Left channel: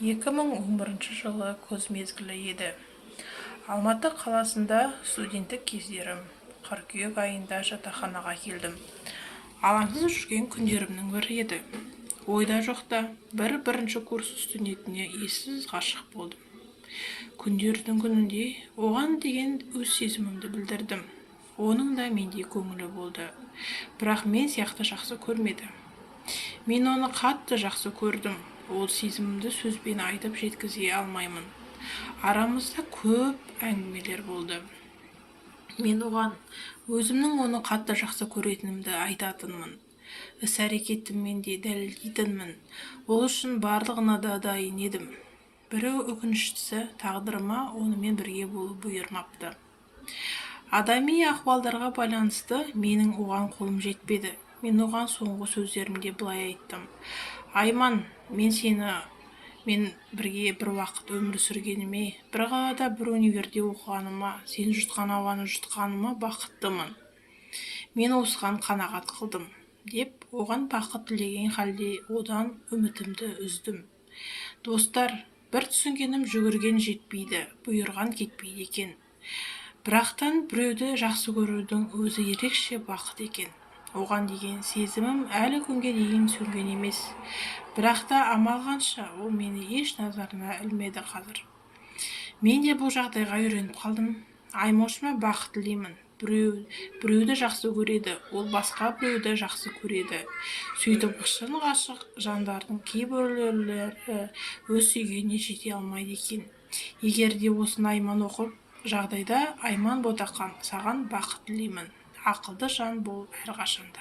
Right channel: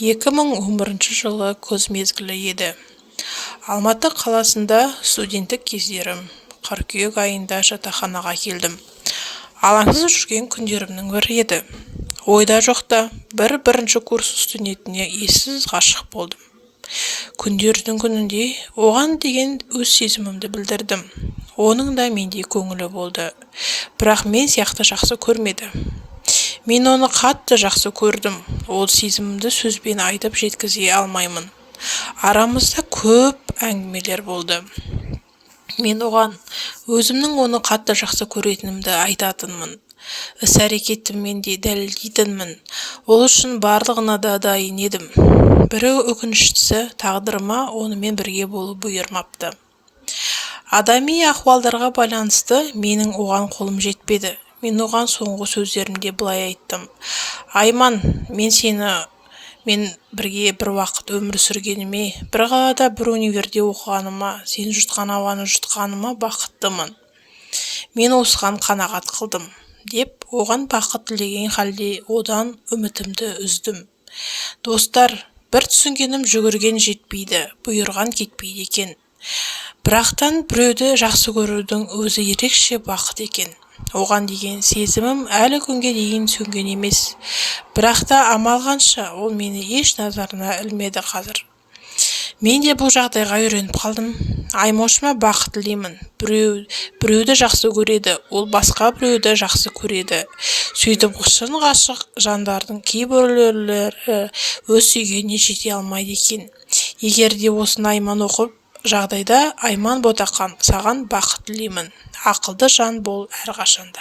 2011 жылы күз мезгілі еді. Алматы қаласында студенттік кездерім. Қыркүйек айында жатақханаға келдім. Алаңсыз жүрген күндерімнің бірі еді. Ойда жоқта бірінші курс студентіне ессіз ғашық болдым. Күндердің күнінде оған деген өз сезімімді білдірдім. Оның да мендей көңілі болды. Бірақ мен сияқты жақсы көрмеді. Мен оны қатты жақсы көрдім. Ол сезімімді сөзбен айтып жеткізе алмаймын. Арамызда көп әңгімелер болды. Мен оған өзімнің оны қатты жақсы көретінімді айтатынмын. Іс-әрекетіммен де дәлелдейтінмін. Ол үшін барлығына да дайын едім. Бірі өкініштісі, тағдырыма онымен бірге болу бұйырмапты. Адами ахуалдарға байланысты менің оған қолым жетпеді. Мен оған соңғы сөздерімде былай айттым: Айман, мен бірге бір уақыт өмір сүргеніме, бір қалада бір универде оқығаныма, сен жұтқан ауаны жұтқаныма бақыттымын. Мен осыған қанағат қылдым, деп оған бақыт тілеген халде одан үмітімді үздім. Достар, бір түсінгенім жүгірген жетпейді, бұйырған кетпейді екен. Бірақтан біреуді жақсы көрудің өзі ерекше бақыт екен. Оған деген сезімім әлі күнге дейін сөнген емес. Бірақ та амал қанша, ол мені еш назарына ілмеді қазір. Мен де бұл жағдайға үйреніп қалдым. Аймошыма бақыт тілеймін. Біреуді жақсы көреді, ол басқа біреуді жақсы көреді. Сөйтіп шын ғашық жандардың кейбіреулері өз сүйгеніне жете алмайды екен. Егер де осыны Айман оқып жағдайда, Айман Ботақан, саған бақыт тілеймін. Ақылды жан бол әрқашанда.